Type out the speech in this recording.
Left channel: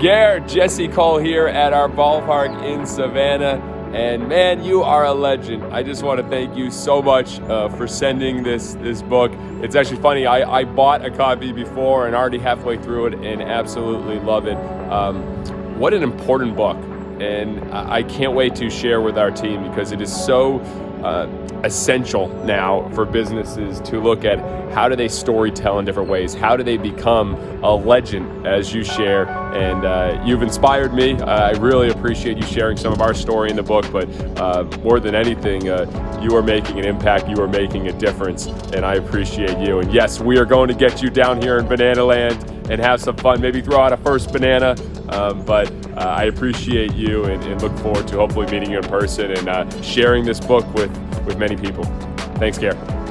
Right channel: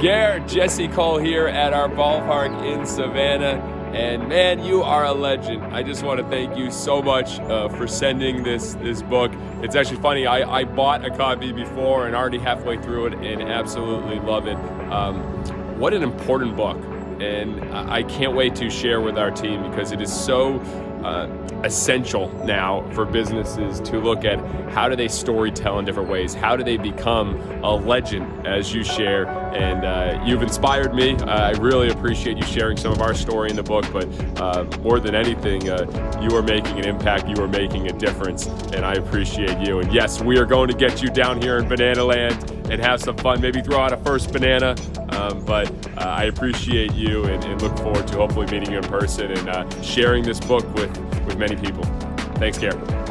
Gare, Jesse Cole here at our ballpark in Savannah. And man, you are a legend. I just want to thank you so much for sending this book. It's actually funny, I bought a copy before and already halfway through it and absolutely love it. What an important book. And I can't wait to share with our team because it is so essential now for businesses to look at how do they storytell in different ways? How do they become a legend as you share? And you've inspired me. I really appreciate you sharing some of our story in the book, but more than anything, you are making an impact, you are making a difference, and I appreciate you. And yes, we are going to get you down here in Banana Land and have some fun, maybe throw out a first banana, but I appreciate you and look forward to hopefully meeting you in person and sharing this book with many people. Thanks, Gare.